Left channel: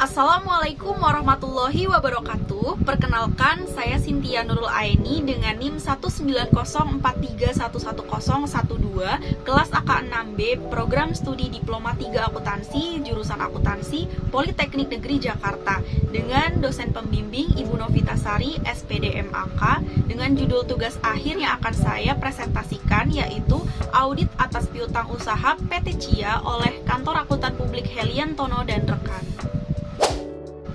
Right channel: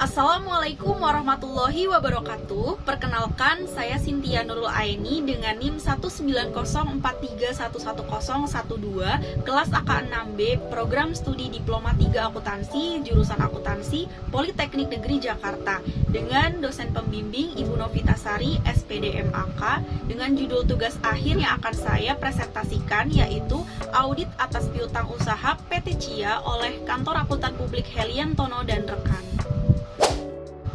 Assalamualaikum warahmatullahi wabarakatuh. Perkenalkan, saya Cynthia Nurul Aini dengan NIM 19043111012, kelas AK6B, Program Studi Diploma 3 Akuntansi, jurusan Akuntansi, Politeknik Negeri Jakarta, dengan dosen pembimbing Ibu Novitasari, SPD MAK, dengan judul tugas akhir yang akan saya presentasikan, yaitu Audit atas Piutang Usaha PT Cia oleh Kantor Akuntan Publik Heliantono dan rekan.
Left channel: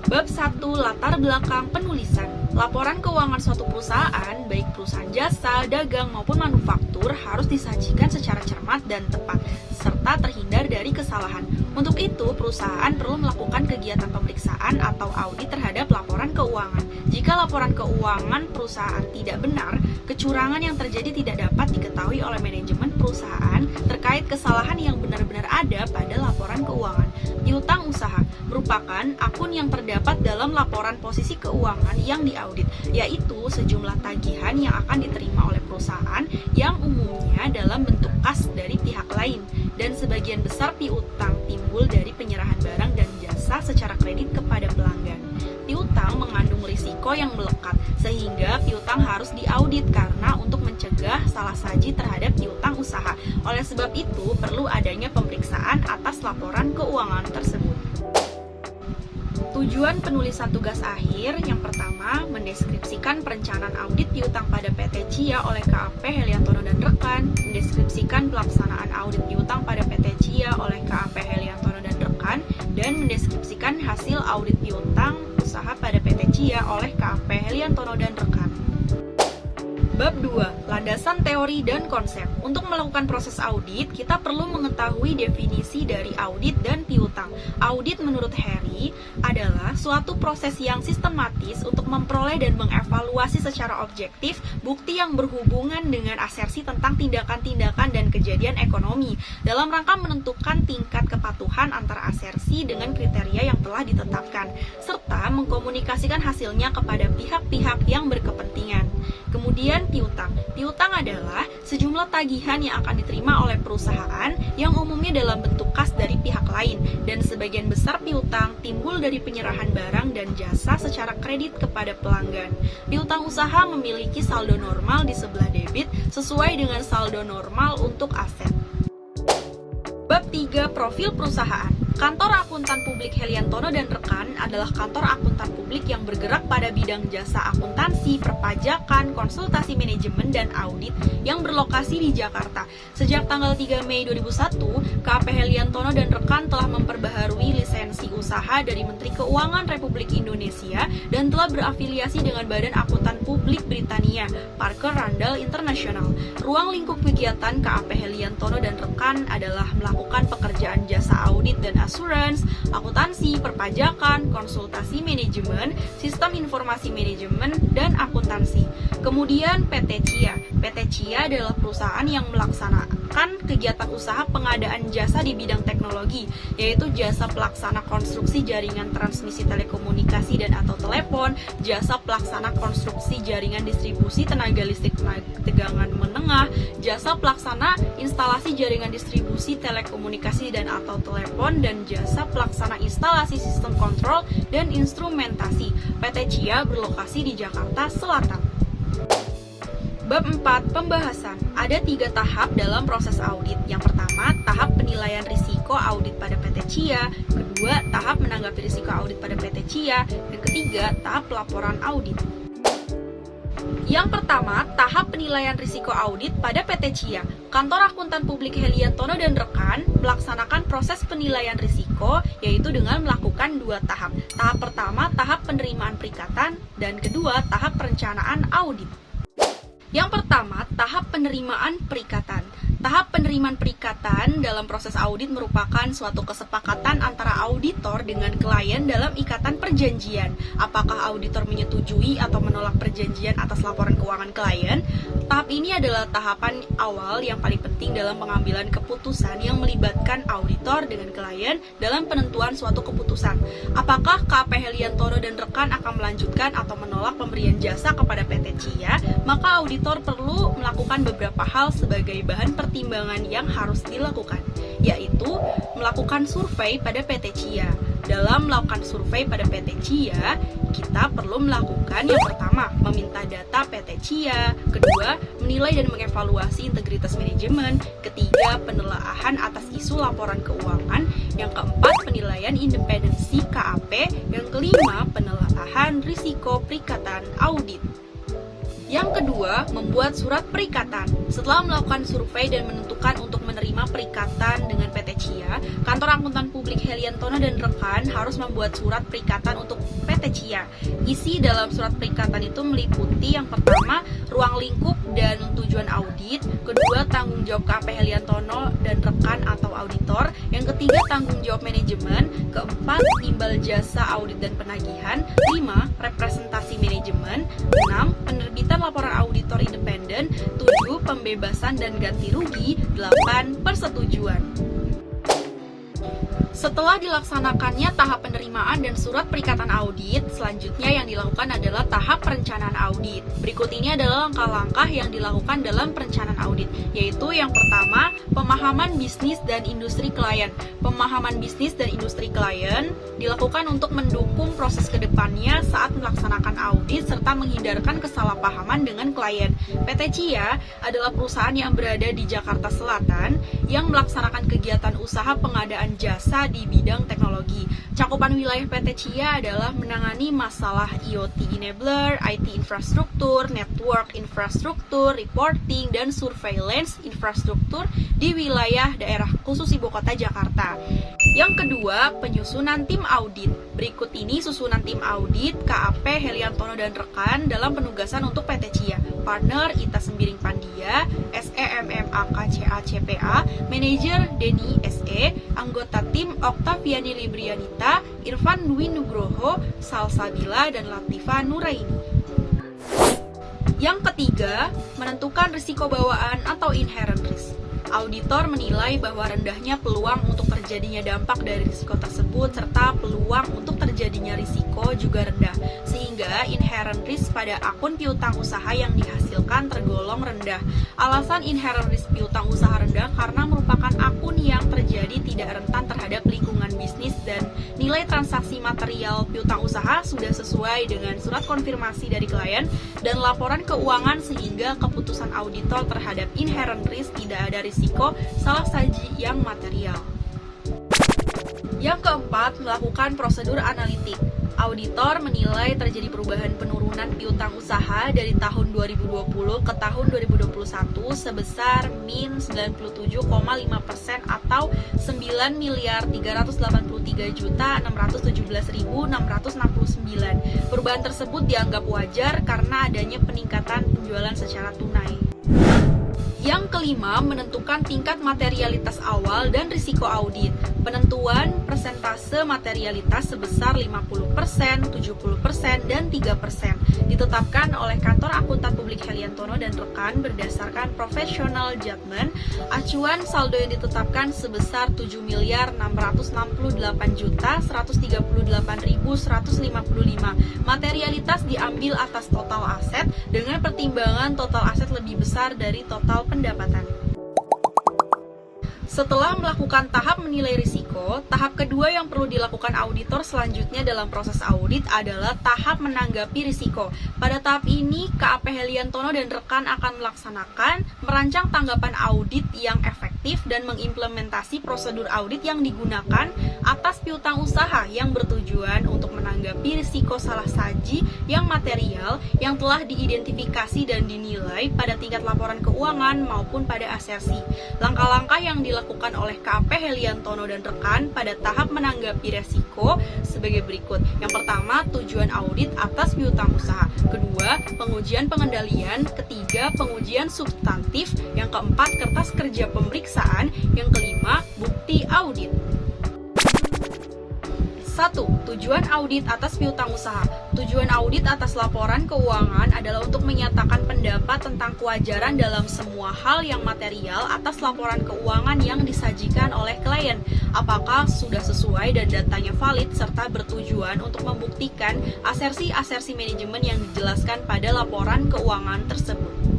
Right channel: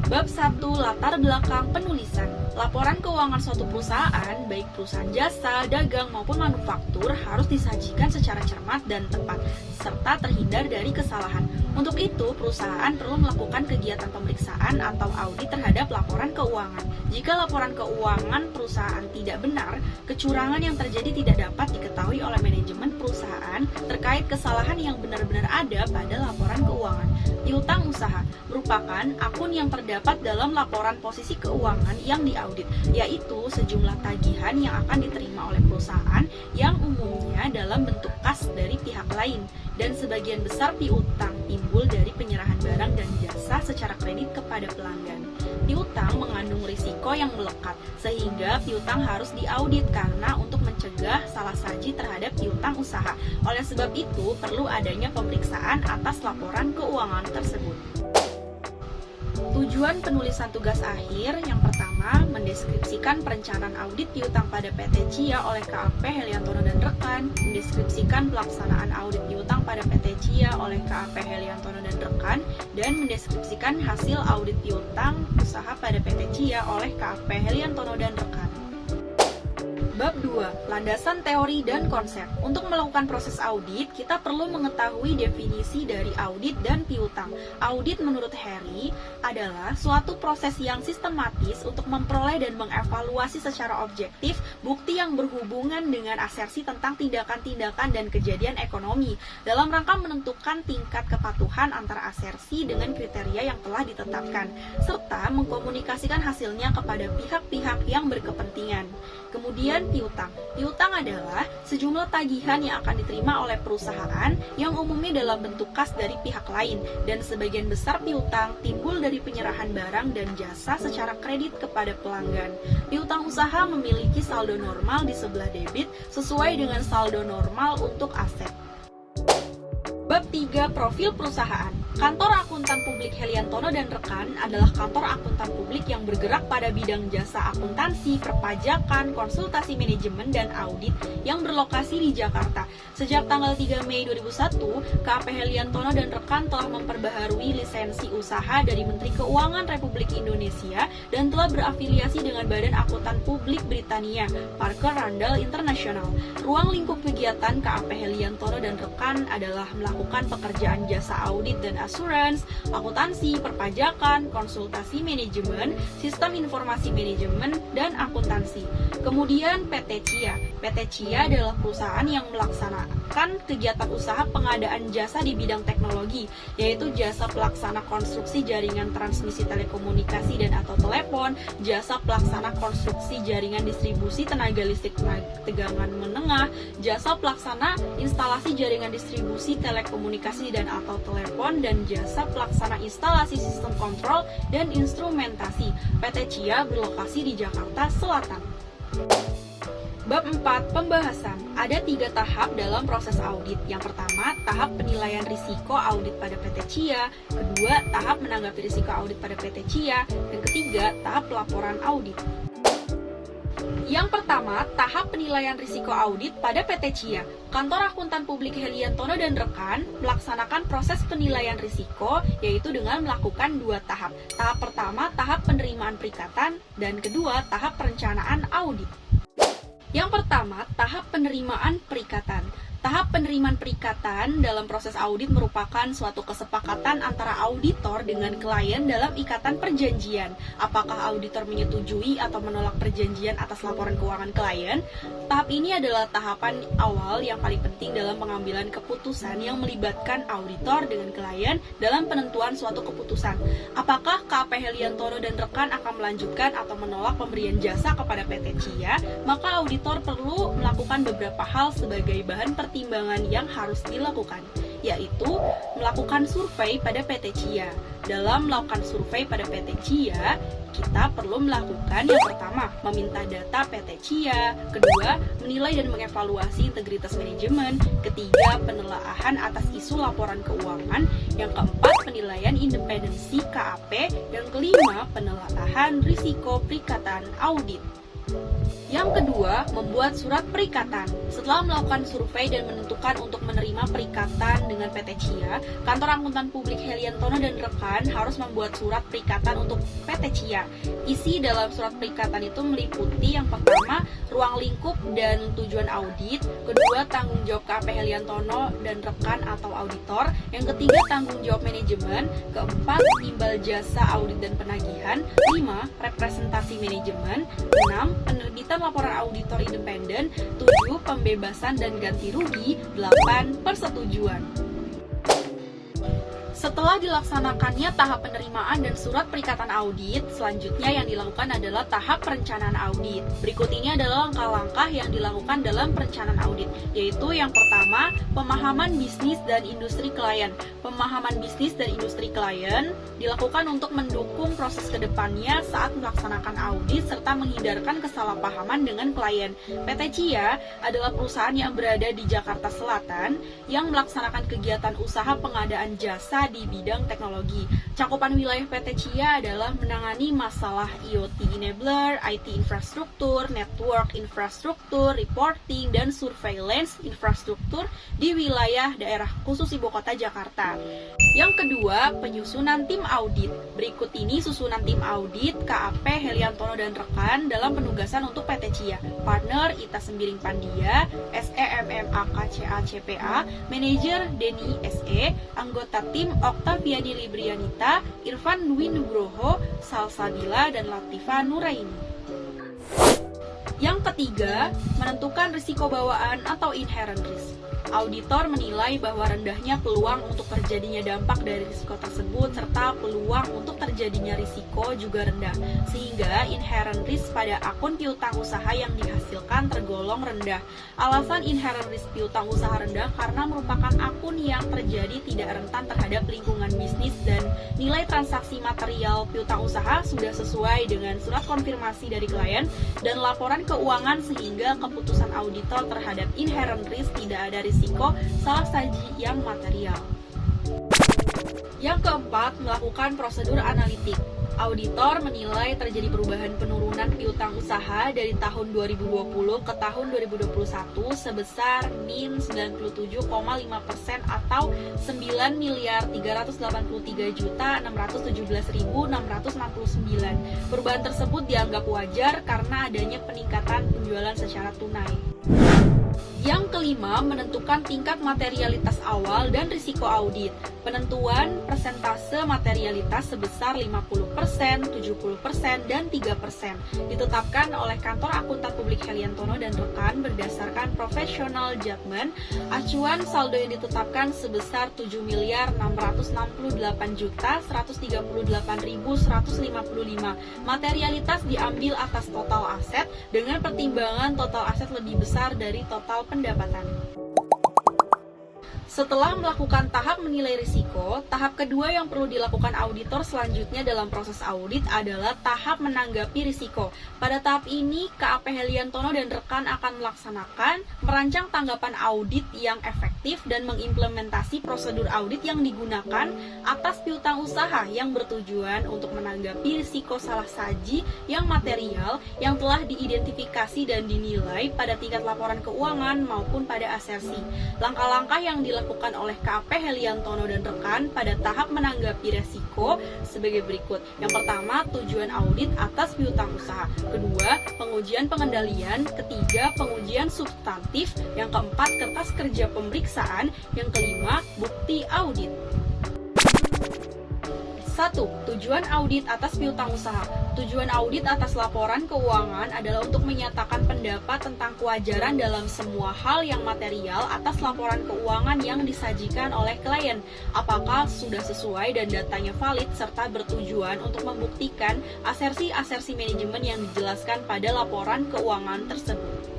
Bab 1. Latar belakang penulisan. Laporan keuangan suatu perusahaan, baik perusahaan jasa, dagang, maupun manufaktur, harus disajikan secara cermat dan tepat, serta terhindar dari kesalahan. Untuk itu, perusahaan perlu melakukan kegiatan pemeriksaan atau audit terhadap laporan keuangan. Jika laporan keuangan perusahaan tidak benar, kecurangan yang terjadi tidak dapat diketahui oleh manajemen perusahaan terkait kesalahan yang benar-benar ada pada laporan keuangan. Piutang usaha merupakan akun yang terdapat dalam laporan posisi keuangan yang diaudit, yaitu sejumlah tagihan yang akan diterima oleh perusahaan yang umumnya dalam bentuk kas dari pihak lain, dan sebagian besar piutang timbul dari penyerahan barang dan jasa secara kredit kepada pelanggan. Piutang mengandung risiko yang melekat, sehingga piutang harus diaudit karena untuk mencegah salah saji terhadap piutang usaha. Oleh sebab itu, perlu adanya pemeriksaan atas laporan keuangan tersebut. Tujuan penulisan tugas akhir yang pertama, mendeskripsikan perencanaan audit piutang pada PT Cia oleh KAP Heliantono dan rekan, mendeskripsikan pelaksanaan audit piutang pada PT Cia oleh KAP Heliantono dan rekan, dan mendeskripsikan hasil audit piutang usaha pada PT Cia oleh KAP Heliantono dan rekan. Bab 2. Landasan teori dan konsep. Untuk melakukan proses audit, kita perlu mengetahui definisi dari audit dan piutang. Audit menurut Harry adalah suatu proses yang sistematis untuk memperoleh dan mengevaluasi secara objektif bukti yang berhubungan dengan asersi tentang tindakan-tindakan dan kejadian ekonomi dalam rangka menentukan tingkat kepatuhan antara asersi dengan kriteria yang telah ditetapkan, serta mengkomunikasikan hasilnya kepada pihak-pihak yang berkepentingan. Kemudian piutang. Piutang adalah sejumlah tagihan yang akan diterima oleh perusahaan yang umumnya dalam bentuk kas dari pihak lain, dan sebagian besar piutang timbul dari penyerahan barang dan jasa secara kredit kepada pelanggan. Piutang usaha memiliki saldo normal di sebelah debit sesuai dengan saldo normal untuk aset. Bab 3. Profil perusahaan. Kantor Akuntan Publik Heliantono dan rekan adalah kantor akuntan publik yang bergerak pada bidang jasa akuntansi, perpajakan, konsultasi manajemen, dan audit yang berlokasi di Jakarta. Sejak tanggal 3 Mei 2001, KAP Heliantono dan rekan telah memperbaharui lisensi usaha dari Menteri Keuangan Republik Indonesia dan telah berafiliasi dengan Badan Akuntan Publik Britania, Parker Randall International. Ruang lingkup kegiatan KAP Heliantono dan rekan adalah melakukan pekerjaan jasa audit dan asuransi, akuntansi, perpajakan, konsultasi manajemen, sistem informasi manajemen, dan akuntansi. Kemudian PT Cia. PT Cia adalah perusahaan yang melaksanakan kegiatan usaha pengadaan jasa di bidang teknologi, yaitu jasa pelaksana konstruksi jaringan transmisi telekomunikasi dan atau telepon, jasa pelaksana konstruksi jaringan distribusi tenaga listrik tegangan menengah, jasa pelaksana instalasi jaringan distribusi telekomunikasi dan atau telepon, dan jasa pelaksana instalasi sistem kontrol dan instrumentasi. PT Cia berlokasi di Jakarta Selatan. Bab 4. Pembahasan. Ada 3 tahap dalam proses audit. Yang pertama, tahap penilaian risiko audit pada PT Cia. Kedua, tahap menanggapi risiko audit pada PT Cia. Dan ketiga, tahap pelaporan audit. Yang pertama, tahap penilaian risiko audit pada PT Cia. Kantor Akuntan Publik Heliantono dan rekan melaksanakan proses penilaian risiko, yaitu dengan melakukan 2 tahap. Tahap pertama, tahap penerimaan perikatan, dan kedua, tahap perencanaan audit. Yang pertama, tahap penerimaan perikatan. Tahap penerimaan perikatan dalam proses audit merupakan suatu kesepakatan antara auditor dengan klien dalam ikatan perjanjian. Apakah auditor menyetujui atau menolak perjanjian atas laporan keuangan klien? Tahap ini adalah tahapan awal yang paling penting dalam pengambilan keputusan yang melibatkan auditor dengan klien dalam penentuan suatu keputusan. Apakah KAP Heliantono dan rekan akan melanjutkan atau menolak pemberian jasa kepada PT Cia? Maka auditor perlu melakukan beberapa hal sebagai bahan pertimbangan yang harus dilakukan. yaitu melakukan survei pada PT Cia. Dalam melakukan survei pada PT Cia, kita perlu melakukan yang pertama, meminta data PT Cia, kedua, menilai dan mengevaluasi integritas manajemen, ketiga, penelaahan atas isu laporan keuangan, yang keempat, penilaian independensi KAP, yang kelima, penelaahan risiko perikatan audit. Yang kedua, membuat surat perikatan. Setelah melakukan survei dan menentukan untuk menerima perikatan dengan PT Cia, Kantor Akuntan Publik Heliantono dan rekan harus membuat surat perikatan untuk PT Cia. Isi dalam surat perikatan itu meliputi yang pertama, ruang lingkup dan tujuan audit, kedua, tanggung jawab KAP Heliantono dan rekan atau auditor, yang ketiga, tanggung jawab manajemen, keempat, imbal jasa audit dan penagihan, 5, representasi manajemen, 6, penerbitan laporan auditor independen, 7, pembebasan dan ganti rugi, 8, persetujuan. Setelah dilaksanakannya tahap penerimaan dan surat perikatan audit, selanjutnya yang dilakukan adalah tahap perencanaan audit. Berikut ini adalah langkah-langkah yang dilakukan dalam perencanaan audit, yaitu yang pertama, pemahaman bisnis dan industri klien. Pemahaman bisnis dan industri klien dilakukan untuk mendukung proses kedepannya saat melaksanakan audit serta menghindarkan kesalahpahaman dengan klien. PT Cia adalah perusahaan yang berada di Jakarta Selatan yang melaksanakan kegiatan usaha pengadaan jasa di bidang teknologi. Cakupan wilayah PT Cia adalah menangani masalah IoT enabler, IT infrastruktur, network infrastruktur, reporting, dan surveillance infrastruktur di wilayah daerah khusus Ibu Kota Jakarta. Yang kedua, penyusunan tim audit. Berikut ini susunan tim audit KAP Heliantono dan rekan dalam penugasan untuk PT Cia. Partner Ita Sembiring Pandia, SEMMAKCA-CPA, Manajer Denny SE, anggota tim Oktaviani Librianita, Irfan Dwi Nugroho, Salsabila, dan Latifa Nuraini. Yang ketiga, menentukan risiko bawaan atau inherent risk. Auditor menilai bahwa rendahnya peluang untuk terjadinya dampak dari risiko tersebut serta peluang untuk terjadinya risiko juga rendah, sehingga inherent risk pada akun piutang usaha yang dihasilkan tergolong rendah. Alasan inherent risk piutang usaha rendah karena merupakan akun yang terjadi tidak rentan terhadap lingkungan bisnis dan nilai transaksi material piutang usaha sudah sesuai dengan surat konfirmasi dari klien dan laporan keuangan, sehingga keputusan auditor terhadap inherent risk tidak ada risiko salah saji yang material. Yang keempat, melakukan prosedur analitik. Auditor menilai terjadi perubahan penurunan piutang usaha dari tahun 2020 ke tahun 2021 sebesar min 97,5% atau 9.383.617.669. Perubahan tersebut dianggap wajar karena adanya peningkatan penjualan secara tunai. Yang kelima, menentukan tingkat materialitas awal dan risiko audit. Penentuan persentase materialitas sebesar 50%, 70%, dan 3% ditetapkan oleh Kantor Akuntan Publik Heliantono dan rekan berdasarkan professional judgment. Acuan saldo yang ditetapkan sebesar 7.668.138.155. Materialitas diambil atas total aset dengan pertimbangan total aset lebih besar dari total pendapatan. Setelah melakukan tahap menilai risiko, tahap kedua yang perlu dilakukan auditor selanjutnya dalam proses audit adalah tahap menanggapi risiko. Pada tahap ini, KAP Heliantono dan rekan akan merancang tanggapan audit yang efektif dan mengimplementasi prosedur audit yang digunakan atas piutang usaha yang bertujuan untuk menanggapi risiko salah saji yang material yang telah diidentifikasi dan dinilai pada tingkat laporan keuangan maupun pada asersi. Langkah-langkah yang dilakukan oleh KAP Heliantono dan rekan pada tahap menanggapi resiko sebagai berikut. Yang pertama, tujuan audit atas piutang usaha. Kedua, pengujian pengendalian. Ketiga, pengujian substantif. Yang keempat, kertas kerja pemeriksaan. Yang kelima, bukti audit. 1. Tujuan audit atas piutang usaha. Tujuan audit atas laporan keuangan adalah untuk menyatakan pendapat tentang kewajaran dalam semua hal yang material atas laporan keuangan yang disajikan oleh klien. Apakah sudah sesuai dan datanya valid, serta bertujuan untuk membuktikan asersi-asersi manajemen yang dijelaskan pada laporan keuangan tersebut.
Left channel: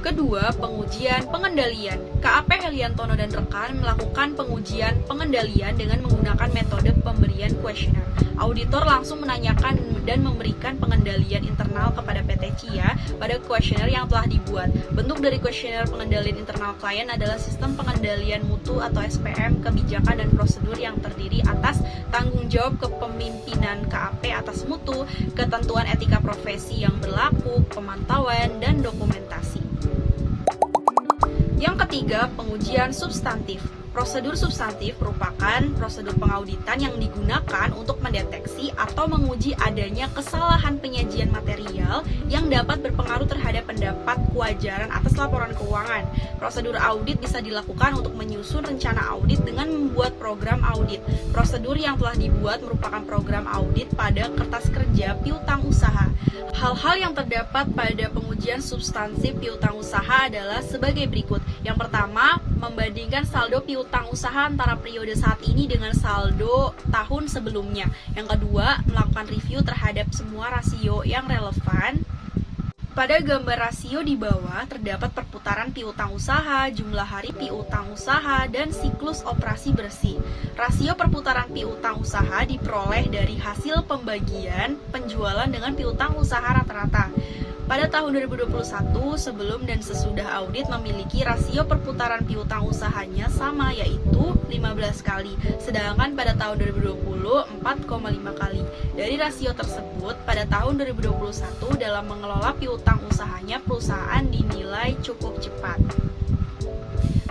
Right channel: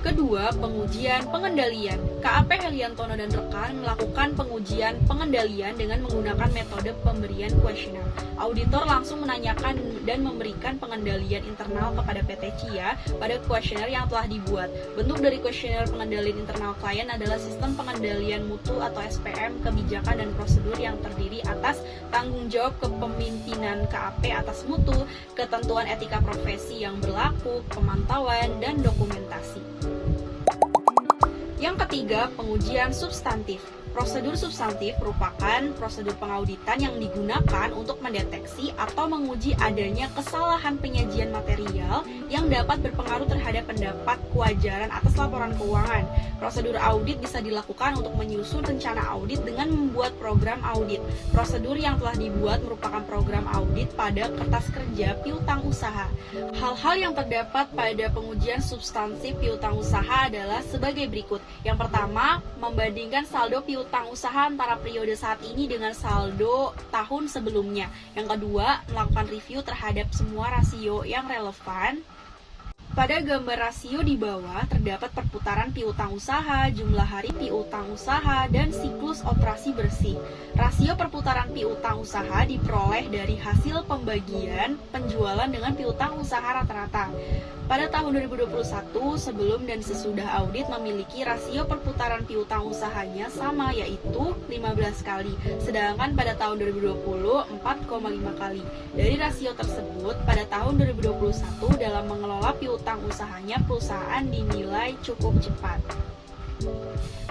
Kedua, pengujian pengendalian. KAP Heliantono dan rekan melakukan pengujian pengendalian dengan menggunakan metode pemberian kuesioner. Auditor langsung menanyakan dan memberikan pengendalian internal kepada PT CIA pada kuesioner yang telah dibuat. Bentuk dari kuesioner pengendalian internal klien adalah sistem pengendalian mutu atau SPM, kebijakan dan prosedur yang terdiri atas tanggung jawab kepemimpinan KAP atas mutu, ketentuan etika profesi yang berlaku, pemantauan, dan dokumentasi. Yang ketiga, pengujian substantif. Prosedur substantif merupakan prosedur pengauditan yang digunakan untuk mendeteksi atau menguji adanya kesalahan penyajian material yang dapat berpengaruh terhadap pendapat kewajaran atas laporan keuangan. Prosedur audit bisa dilakukan untuk menyusun rencana audit dengan membuat program audit. Prosedur yang telah dibuat merupakan program audit pada kertas kerja piutang usaha. Hal-hal yang terdapat pada pengujian substantif piutang usaha adalah sebagai berikut. Yang pertama, membandingkan saldo piutang usaha antara periode saat ini dengan saldo tahun sebelumnya. Yang kedua, melakukan review terhadap semua rasio yang relevan. Pada gambar rasio di bawah terdapat perputaran piutang usaha, jumlah hari piutang usaha, dan siklus operasi bersih. Rasio perputaran piutang usaha diperoleh dari hasil pembagian penjualan dengan piutang usaha rata-rata. Pada tahun 2021, sebelum dan sesudah audit memiliki rasio perputaran piutang usahanya sama, yaitu 15 kali, sedangkan pada tahun 2020, 4,5 kali. Dari rasio tersebut, pada tahun 2021 dalam mengelola piutang usahanya, perusahaan dinilai cukup cepat.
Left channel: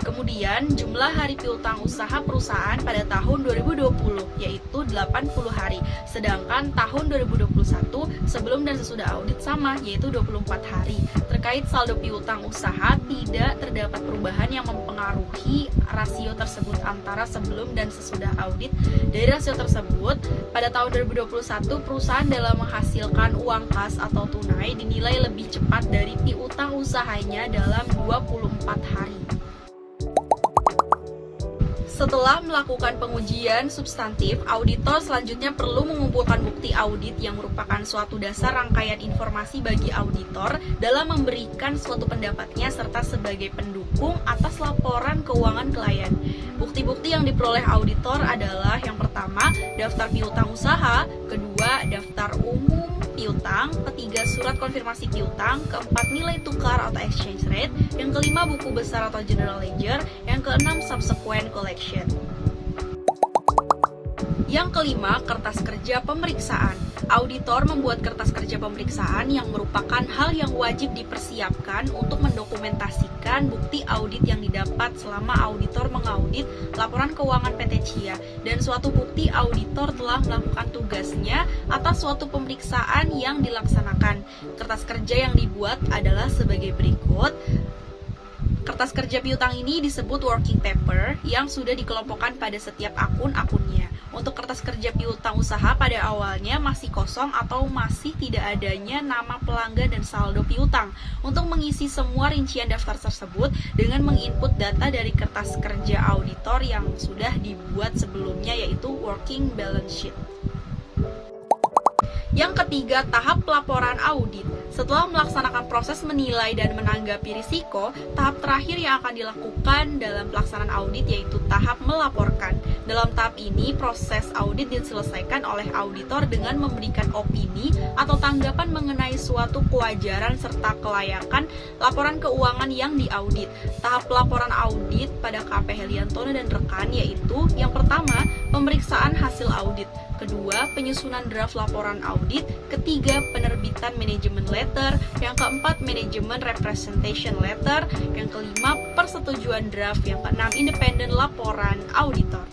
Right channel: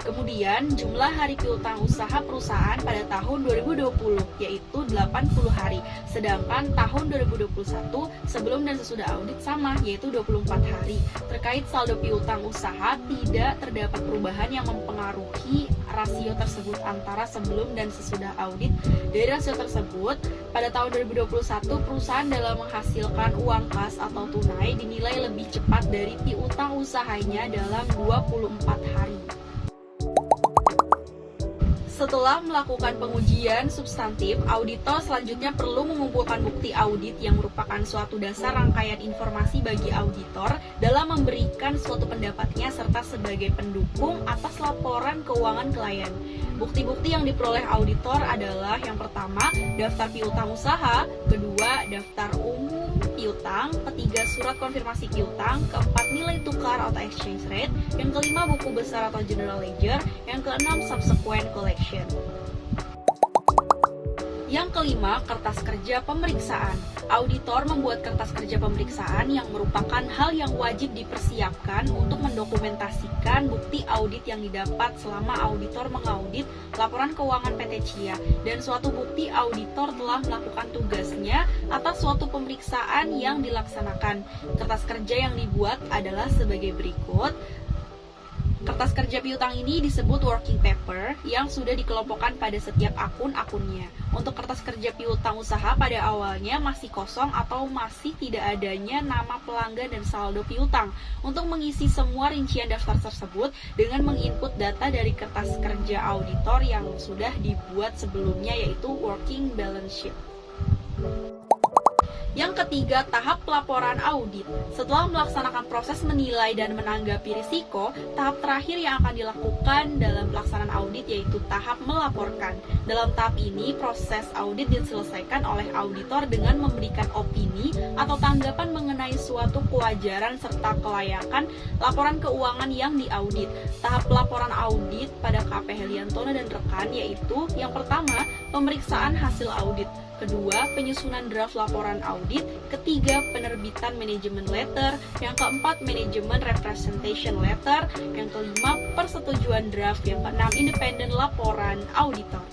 Kemudian, jumlah hari piutang usaha perusahaan pada tahun 2020 yaitu 80 hari, sedangkan tahun 2021 sebelum dan sesudah audit sama yaitu 24 hari. Terkait saldo piutang usaha, tidak terdapat perubahan yang mempengaruhi rasio tersebut antara sebelum dan sesudah audit. Dari rasio tersebut, pada tahun 2021 perusahaan dalam menghasilkan uang kas atau tunai dinilai lebih cepat dari piutang usahanya dalam 24 hari. Setelah melakukan pengujian substantif, auditor selanjutnya perlu mengumpulkan bukti audit yang merupakan suatu dasar rangkaian informasi bagi auditor dalam memberikan suatu pendapatnya serta sebagai pendukung atas laporan keuangan klien. Bukti-bukti yang diperoleh auditor adalah yang pertama, daftar piutang usaha, kedua, daftar umum piutang, ketiga, surat konfirmasi piutang, keempat, nilai tukar atau exchange rate, yang kelima, buku besar atau general ledger, yang keenam, subsequent collection. Yang kelima, kertas kerja pemeriksaan. Auditor membuat kertas kerja pemeriksaan yang merupakan hal yang wajib dipersiapkan untuk mendokumentasikan bukti audit yang didapat selama auditor mengaudit laporan keuangan PT CIA dan suatu bukti auditor telah melakukan tugasnya atas suatu pemeriksaan yang dilaksanakan. Kertas kerja yang dibuat adalah sebagai berikut. Kertas kerja piutang ini disebut working paper yang sudah dikelompokkan pada setiap akun-akunnya. Untuk kertas kerja piutang usaha pada awalnya masih kosong atau masih tidak adanya nama pelanggan dan saldo piutang. Untuk mengisi semua rincian daftar tersebut dengan menginput data dari kertas kerja auditor yang sudah dibuat sebelumnya yaitu working balance sheet. Yang ketiga, tahap pelaporan audit. Setelah melaksanakan proses menilai dan menanggapi risiko, tahap terakhir yang akan dilakukan dalam pelaksanaan audit yaitu tahap melaporkan. Dalam tahap ini, proses audit diselesaikan oleh auditor dengan memberikan opini atau tanggapan mengenai suatu kewajaran serta kelayakan laporan keuangan yang diaudit. Tahap pelaporan audit pada KAP Heliantono dan rekan yaitu yang pertama, pemeriksaan hasil audit. Kedua, penyusunan draft laporan audit. Ketiga, penerbitan manajemen letter. Yang keempat, manajemen representation letter. Yang kelima, persetujuan draft. Yang keenam, independen laporan auditor.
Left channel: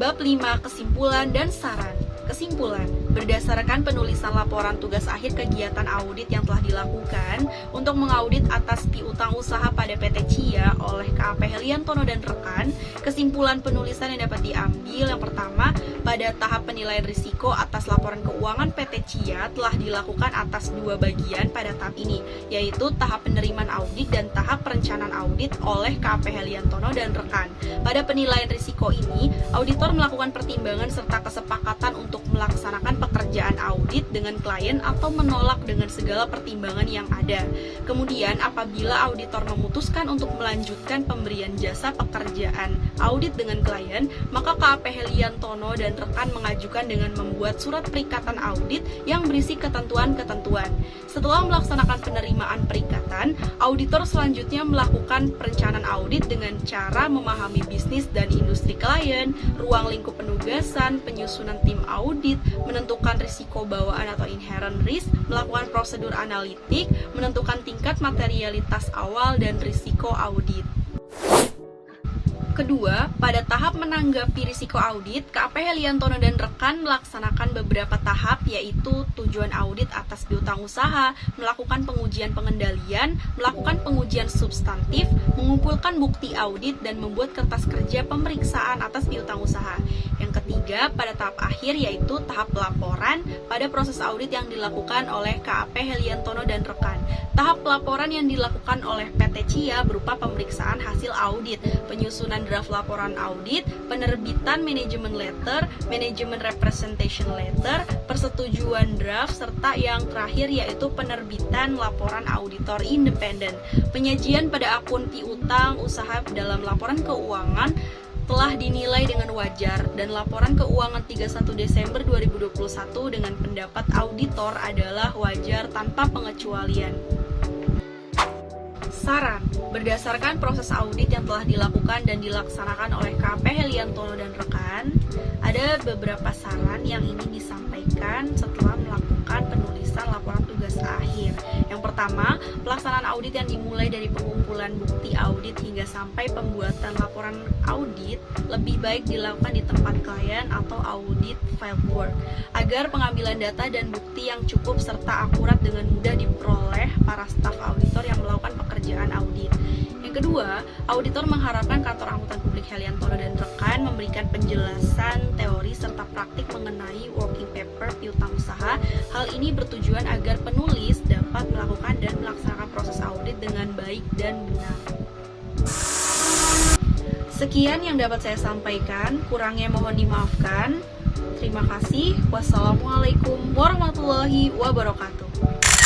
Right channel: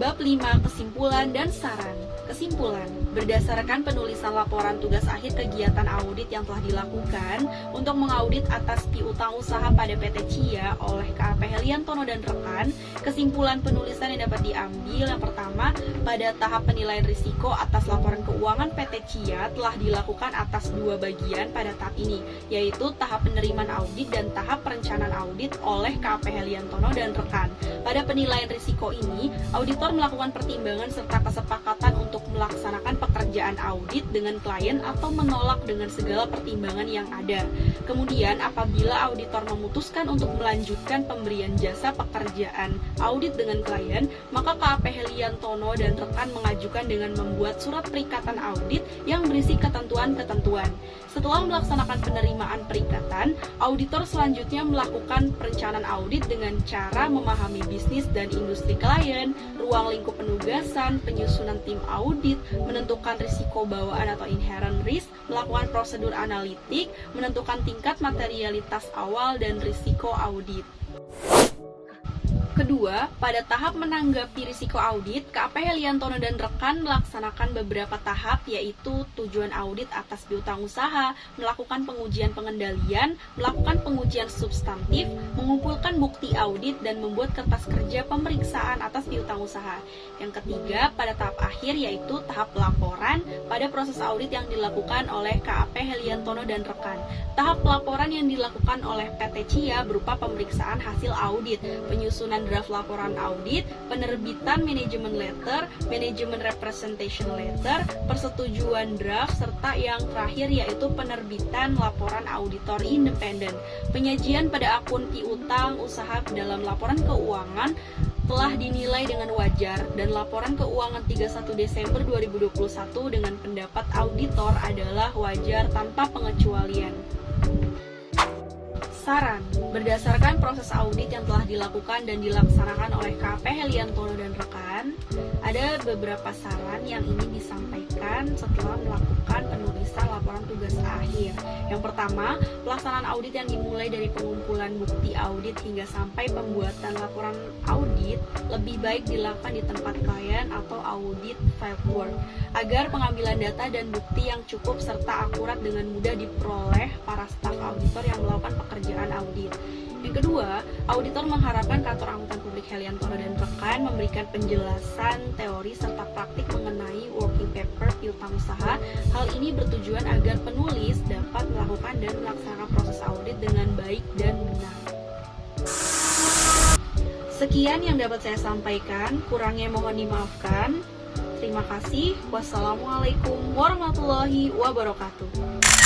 Bab 5, kesimpulan dan saran. Kesimpulan, berdasarkan penulisan laporan tugas akhir kegiatan audit yang telah dilakukan untuk mengaudit atas piutang usaha pada PT CIA oleh KAP Heliantono dan rekan, kesimpulan penulisan yang dapat diambil yang pertama, pada tahap penilaian risiko atas laporan keuangan PT CIA telah dilakukan atas dua bagian pada tahap ini, yaitu tahap penerimaan audit dan tahap perencanaan audit oleh KAP Heliantono dan rekan. Pada penilaian risiko ini, auditor melakukan pertimbangan serta kesepakatan untuk untuk melaksanakan pekerjaan audit dengan klien atau menolak dengan segala pertimbangan yang ada. Kemudian, apabila auditor memutuskan untuk melanjutkan pemberian jasa pekerjaan audit dengan klien, maka KAP Heliantono dan rekan mengajukan dengan membuat surat perikatan audit yang berisi ketentuan-ketentuan. Setelah melaksanakan penerimaan perikatan, auditor selanjutnya melakukan perencanaan audit dengan cara memahami bisnis dan industri klien, ruang lingkup penugasan, penyusunan tim audit, menentukan risiko bawaan atau inherent risk, melakukan prosedur analitik, menentukan tingkat materialitas awal dan risiko audit. Kedua, pada tahap menanggapi risiko audit, KAP Heliantono dan rekan melaksanakan beberapa tahap, yaitu tujuan audit atas piutang usaha, melakukan pengujian pengendalian, melakukan pengujian substantif, mengumpulkan bukti audit, dan membuat kertas kerja pemeriksaan atas piutang usaha. Yang ketiga, pada tahap akhir, yaitu tahap pelaporan pada proses audit yang dilakukan oleh KAP Heliantono dan rekan. Tahap pelaporan yang dilakukan oleh PT CIA berupa pemeriksaan hasil audit, penyusunan draft laporan audit, penerbitan manajemen letter, manajemen representation letter, persetujuan draft, serta yang terakhir yaitu penerbitan laporan auditor independen. Penyajian pada akun piutang usaha dalam laporan keuangan telah dinilai dengan wajar dan laporan keuangan 31 Desember 2021 dengan pendapat auditor adalah wajar tanpa pengecualian. Saran, berdasarkan proses audit yang telah dilakukan dan dilaksanakan oleh KAP Heliantono dan rekan, ada beberapa saran yang ini disampaikan setelah melakukan penulisan laporan tugas akhir. Yang pertama, pelaksanaan audit yang dimulai dari pengumpulan bukti audit hingga sampai pembuatan laporan audit lebih baik dilakukan di tempat klien atau audit fieldwork, agar pengambilan data dan bukti yang cukup serta akurat dengan mudah diperoleh para staf auditor yang melakukan pekerjaan audit. Yang kedua, auditor mengharapkan kantor akuntan publik Heliantono dan rekan memberikan penjelasan teori serta praktik mengenai working paper piutang usaha. Hal ini bertujuan agar penulis dapat melakukan dan melaksanakan proses audit dengan baik dan benar. Sekian yang dapat saya sampaikan, kurangnya mohon dimaafkan. Terima kasih. Wassalamualaikum warahmatullahi wabarakatuh.